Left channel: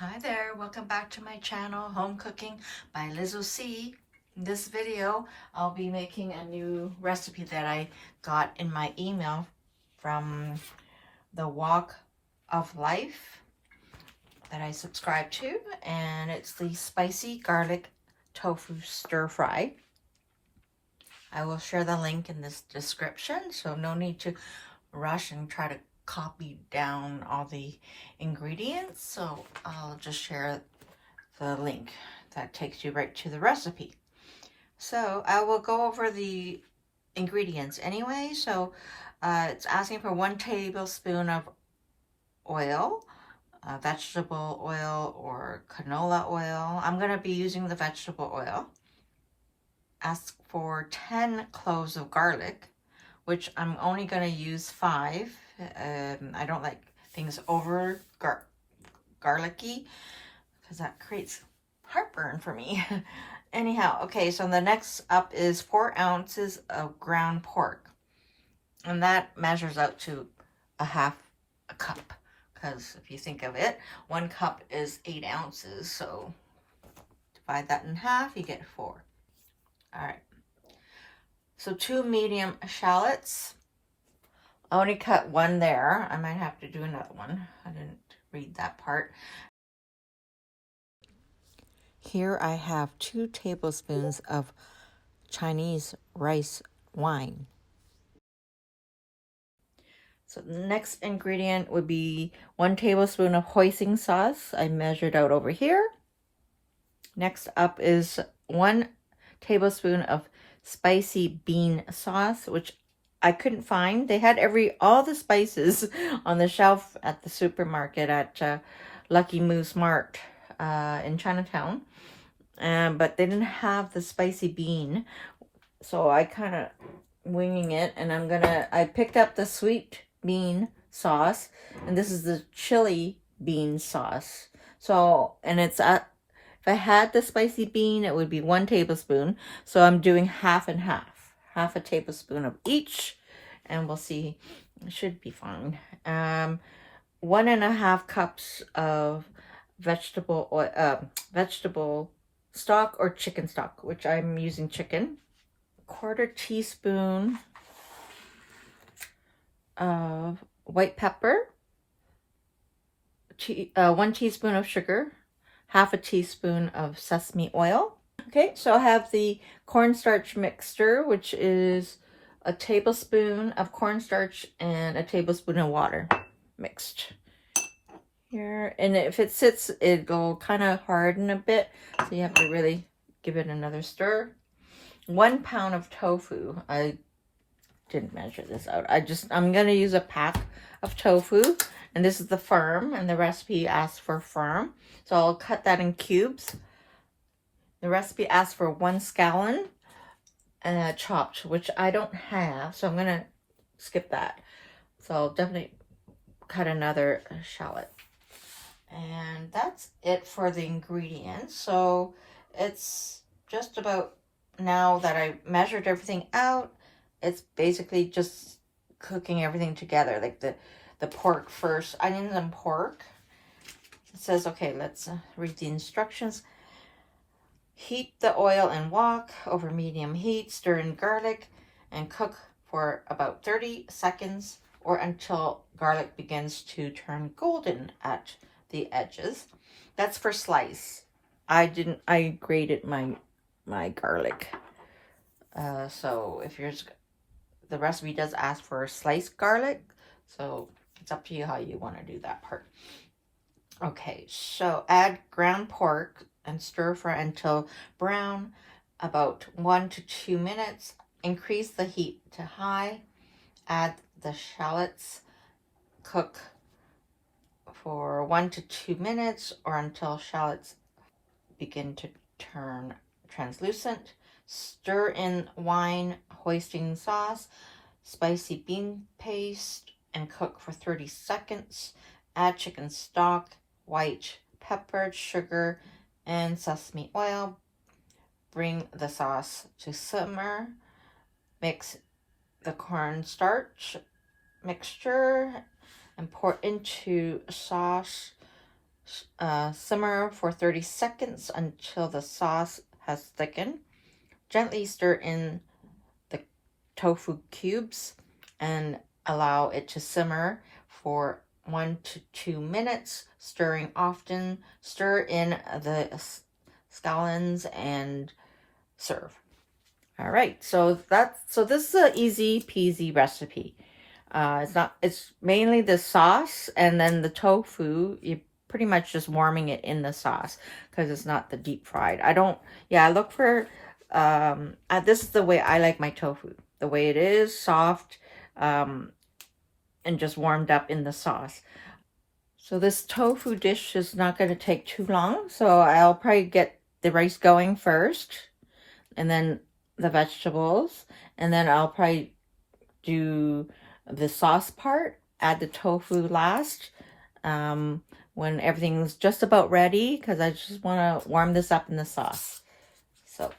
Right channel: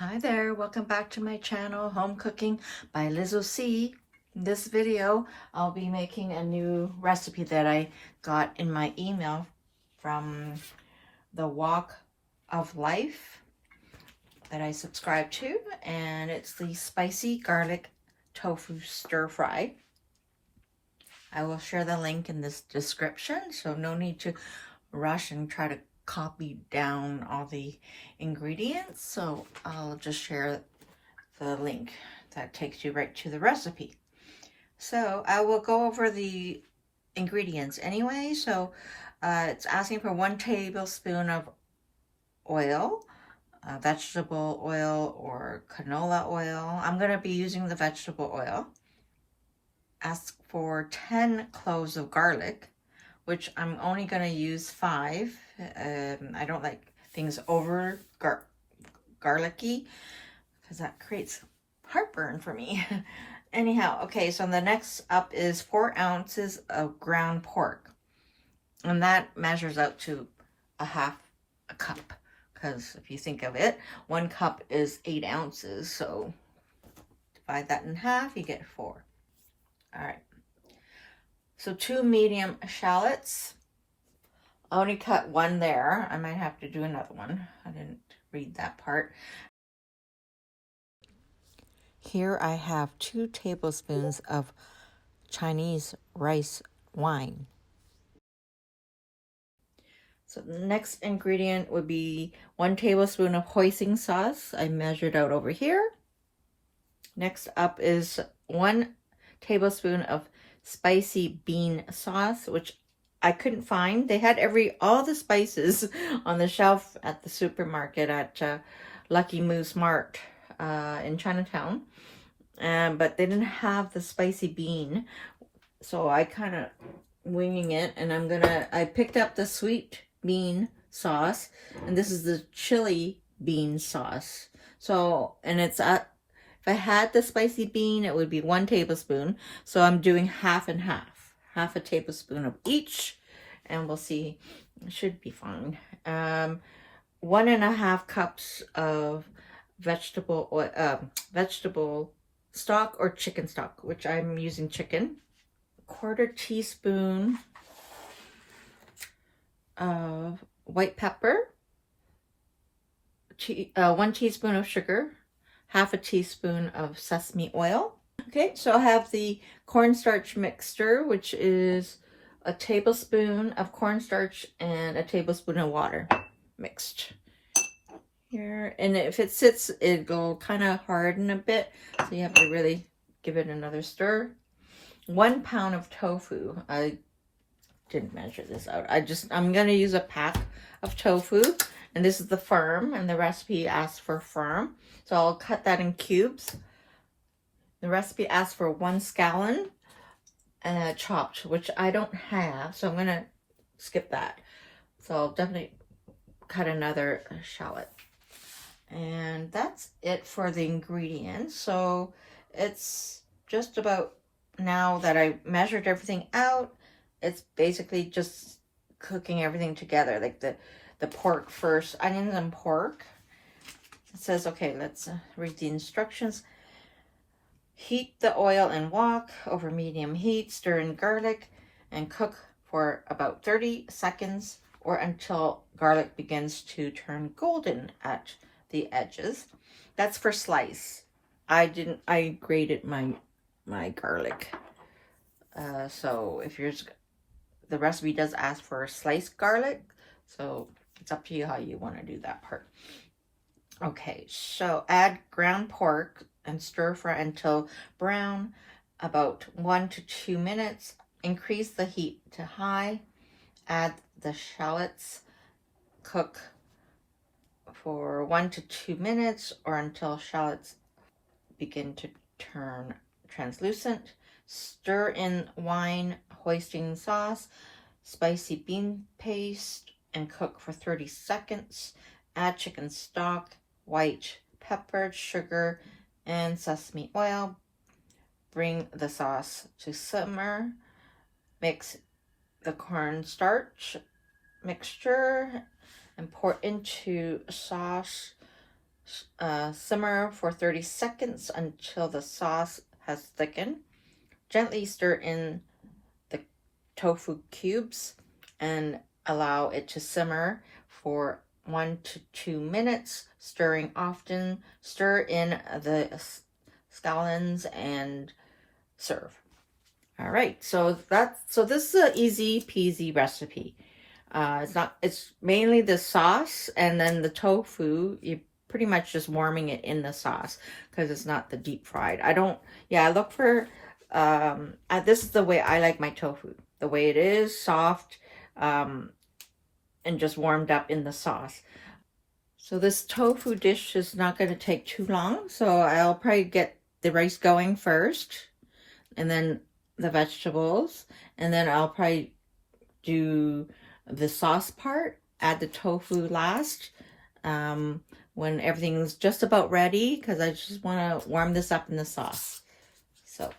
Hi there, welcome back to my channel, Home Cooking by Lizzo C. In this video, I'll be making a new recipe that I got in my email from the Walk of Life that I subscribe to, and it's the spicy garlic tofu stir fry. I will share the link in this description, so no need to rush and try to copy down all the ingredients, so I'll just share the link that takes you right to the recipe. So I will go over the ingredients anyway. So it's asking for 1 tablespoon of oil, vegetable oil or canola oil. I'm going to be using the vegetable oil. Ask for 10 cloves of garlic, which I'm only going to use 5. I don't like things over garlicky because that creates heartburn for me. Anyhow, okay, so the next up is 4 ounces of ground pork. And that measures out to a half a cup. Because if you think of it, 1 cup is 8 ounces. So divide that in half, you get 4. All right. So 2 medium shallots. I only cut 1 there. I might have to do another one. I didn't read that part. Here I have 2 tablespoons of Chinese rice wine. So the next ingredient would be 1 tablespoon of hoisin sauce. I measured out over here. Next up is 1 tablespoon of spicy bean sauce, which I couldn't find. They had all the spices on the shelf at the supermarket at Lucky Moose Mart in Chinatown. But they didn't have the spicy bean. So I kind of winging it, and I picked up the sweet bean sauce, and this is the chili bean sauce. So, and it's if I had the spicy bean, it would be 1 tablespoon. So I'm doing half and half a tablespoon of each, and we'll see. It should be fine. 1.5 cups of vegetable oil, vegetable stock or chicken stock, which I'm using chicken. 1/4 teaspoon of white pepper, 1 teaspoon of sugar, 1/2 teaspoon of sesame oil. Okay, so I have the cornstarch mixture, which is a tablespoon of cornstarch and a tablespoon of water mixed here. And if it sits, it'll kind of harden a bit, so you have to really give it another stir. 1 pound of tofu. I didn't measure this out. I'm going to use a pack of tofu, and this is the firm, and the recipe asks for firm. So I'll cut that in cubes. The recipe asks for 1 scallion chopped, which I don't have, so I'm going to skip that. So I'll definitely cut another shallot. And that's it for the ingredients. So it's just about, now that I measured everything out, it's basically just cooking everything together, like the pork first, onions and pork. It says, okay, let's read the instructions. Heat the oil and wok over medium heat, stir in garlic, and cook for about 30 seconds or until garlic begins to turn golden at the edges. That's for slice. I grated my garlic. So if the recipe does ask for sliced garlic, so it's up to you how you want to do that part. Okay, so add ground pork and stir fry until brown, about 1 to 2 minutes. Increase the heat to high. Add the shallots. Cook for 1 to 2 minutes or until shallots begin to turn translucent. Stir in wine, hoisin sauce, spicy bean paste, and cook for 30 seconds. Add chicken stock, white pepper, sugar, and sesame oil. Bring the sauce to simmer. Mix the cornstarch mixture and pour into sauce Simmer for 30 seconds until the sauce has thickened. Gently stir in the tofu cubes and allow it to simmer for 1 to 2 minutes, stirring often. Stir in the scallions and serve. All right, so this is an easy peasy recipe. It's mainly the sauce, and then the tofu, you pretty much just warming it in the sauce because it's not the deep fried. I look for, this is the way I like my tofu. The way it is, soft, and just warmed up in the sauce. So this tofu dish is not going to take too long. So I'll probably get the rice going first, and then the vegetables, and then I'll probably do the sauce part, add the tofu last, when everything's just about ready, because I just want to warm this up in the sauce. So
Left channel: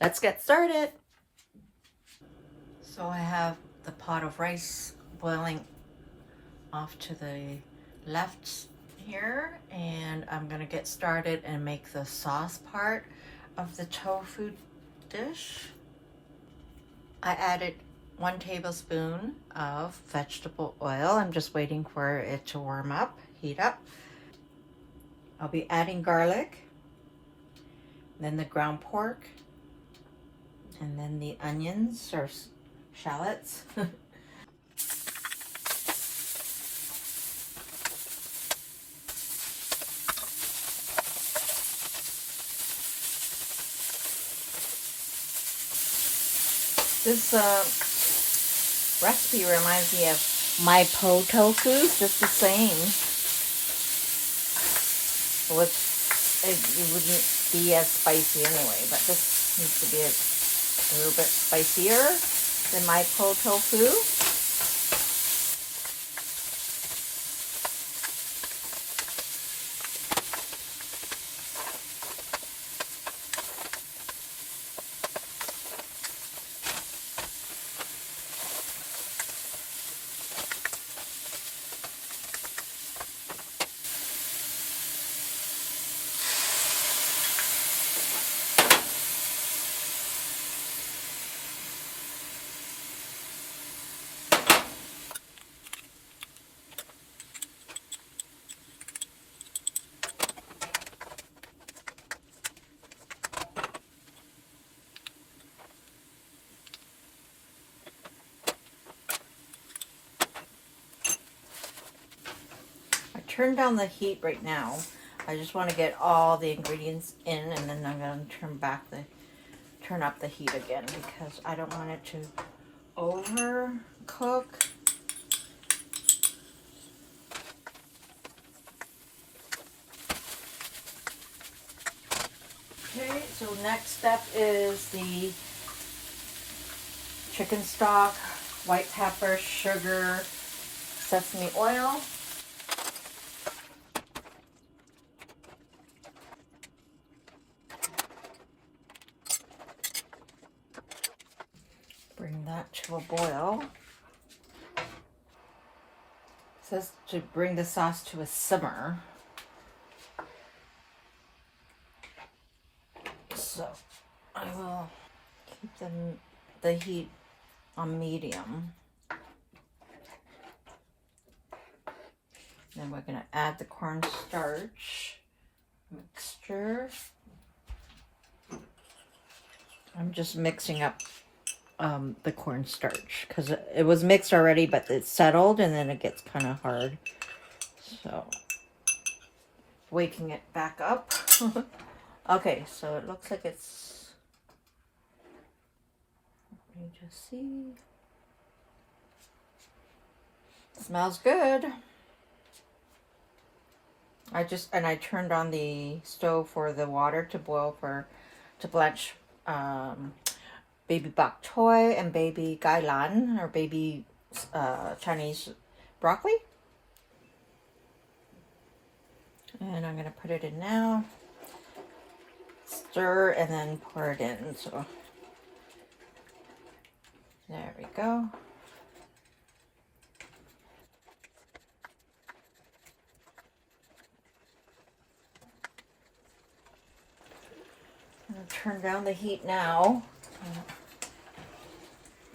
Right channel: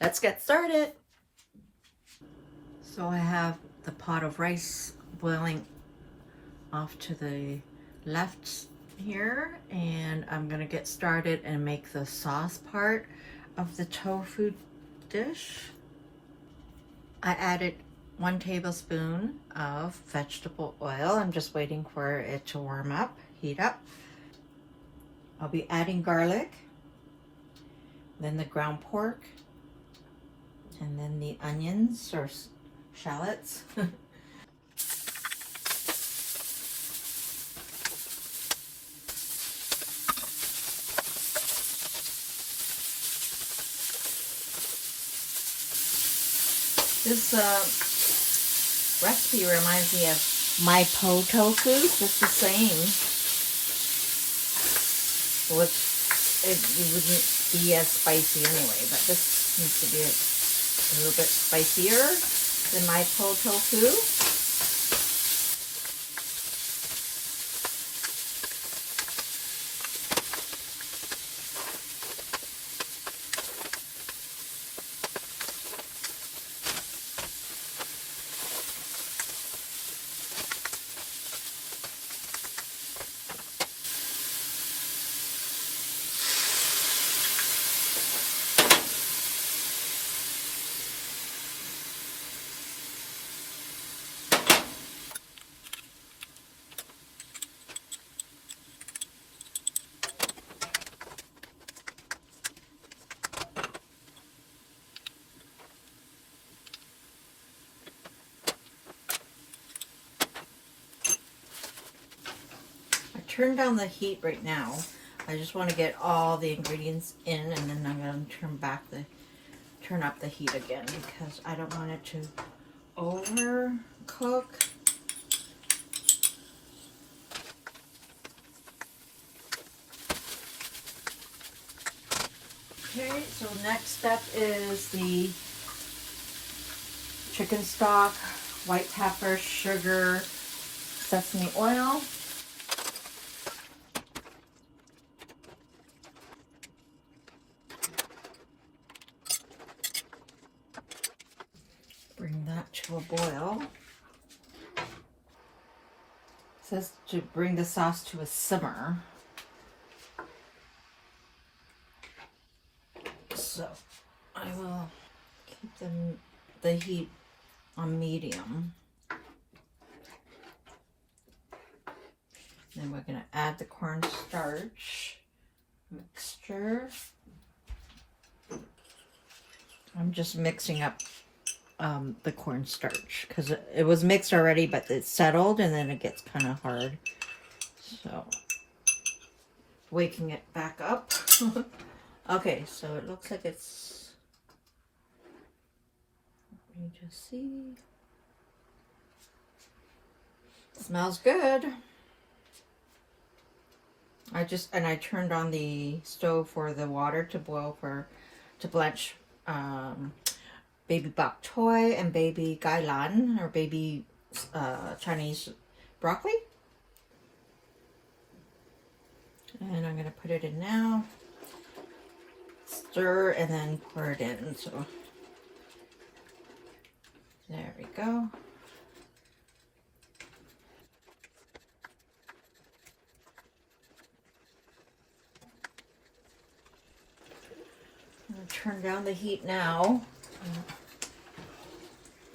let's get started. So I have the pot of rice boiling off to the left here, and I'm gonna get started and make the sauce part of the tofu dish. I added 1 tablespoon of vegetable oil. I'm just waiting for it to warm up, heat up. I'll be adding garlic, then the ground pork, and then the onions or shallots. This recipe reminds me of my po tofu. It's just the same. So it wouldn't be as spicy anyway, but this needs to be a little bit spicier than my po tofu. Turn down the heat right now. I just want to get all the ingredients in, and then I'm going to turn up the heat again because I don't want it to overcook. Okay, so next step is the chicken stock, white pepper, sugar, sesame oil. Bring that to a boil. It says to bring the sauce to a simmer. So I will keep the heat on medium. Then we're going to add the cornstarch mixture. I'm just mixing up the cornstarch because it was mixed already, but it's settled and then it gets kind of hard. So waking it back up. Okay, so it looks like it's, let me just see. It smells good. I turned on the stove for the water to boil to blanch baby bok choy and baby gailan, or baby Chinese broccoli. And I'm going to put it in now. Stir and then pour it in. So there we go. turn down the heat now.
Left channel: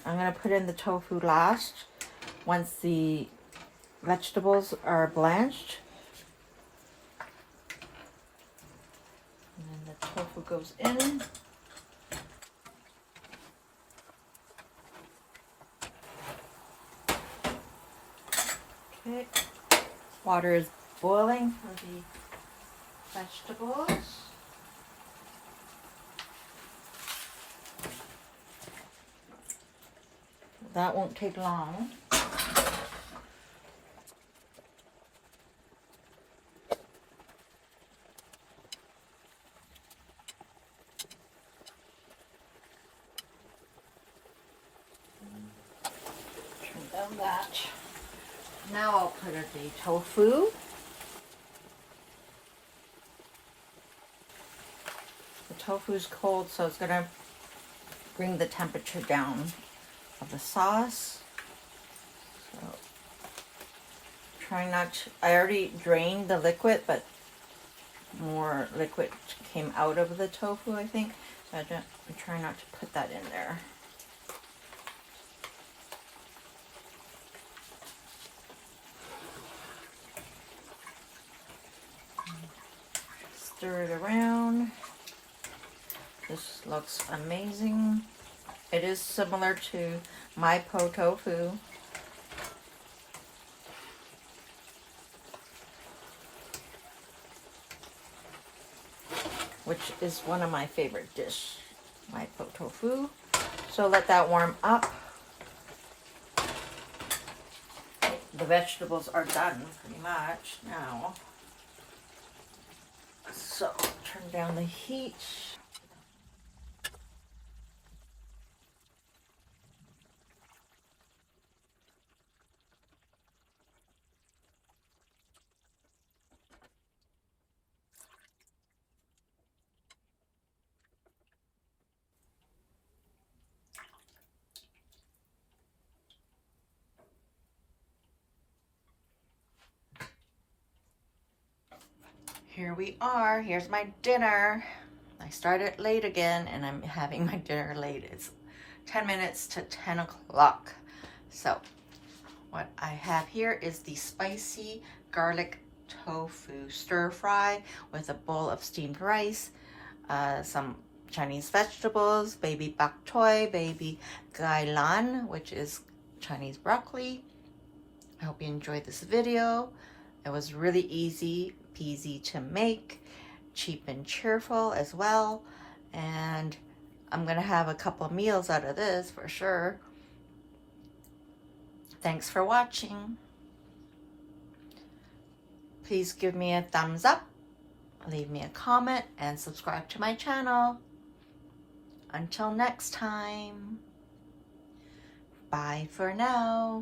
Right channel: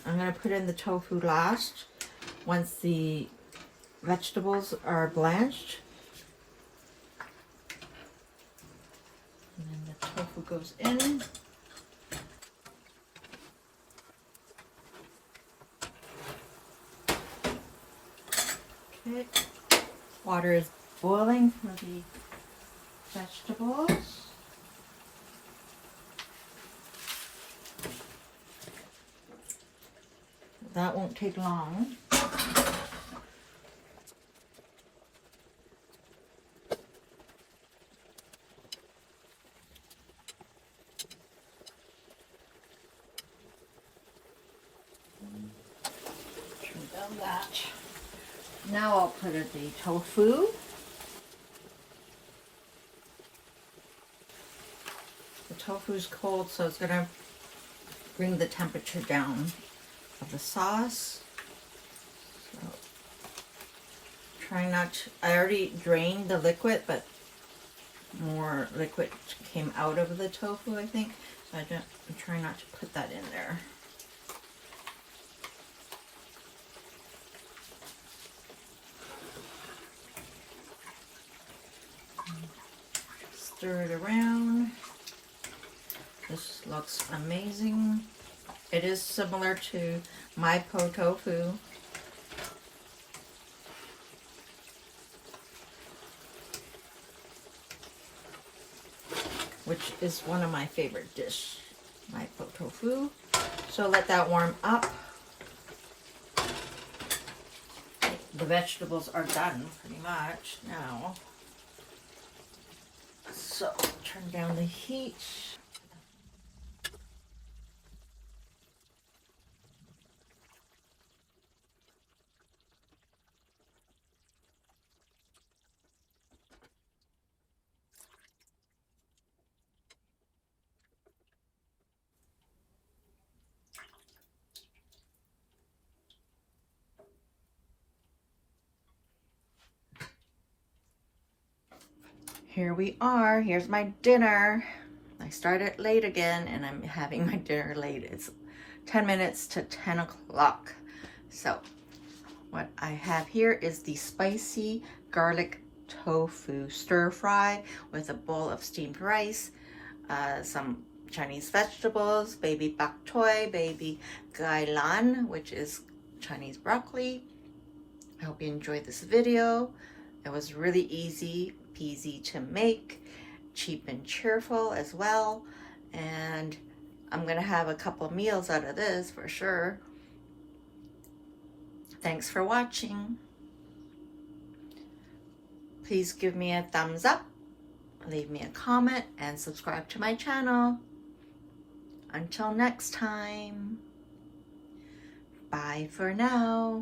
I'm going to put in the tofu last once the vegetables are blanched. And then the tofu goes in. Okay, water is boiling for the vegetables. That won't take long. Turn down that. Now I'll put in the tofu. The tofu is cold, so it's going to bring the temperature down of the sauce. So, try not to, I already drained the liquid, but more liquid came out of the tofu, I think. So I'm trying not to put that in there. Stir it around. This looks amazing. It is similar to my po tofu. Which is one of my favorite dish, my po tofu. So let that warm up. The vegetables are done pretty much now. So turn down the heat. Here we are. Here's my dinner. I started late again and I'm having my dinner late. It's 10 minutes to 10 o'clock. So what I have here is the spicy garlic tofu stir fry with a bowl of steamed rice, some Chinese vegetables, baby bok choy, baby gailan, which is Chinese broccoli. I hope you enjoyed this video. It was really easy peasy to make, cheap and cheerful as well, and I'm gonna have a couple meals out of this for sure. Thanks for watching. Please give me a thumbs up, leave me a comment, and subscribe to my channel. Until next time, bye for now.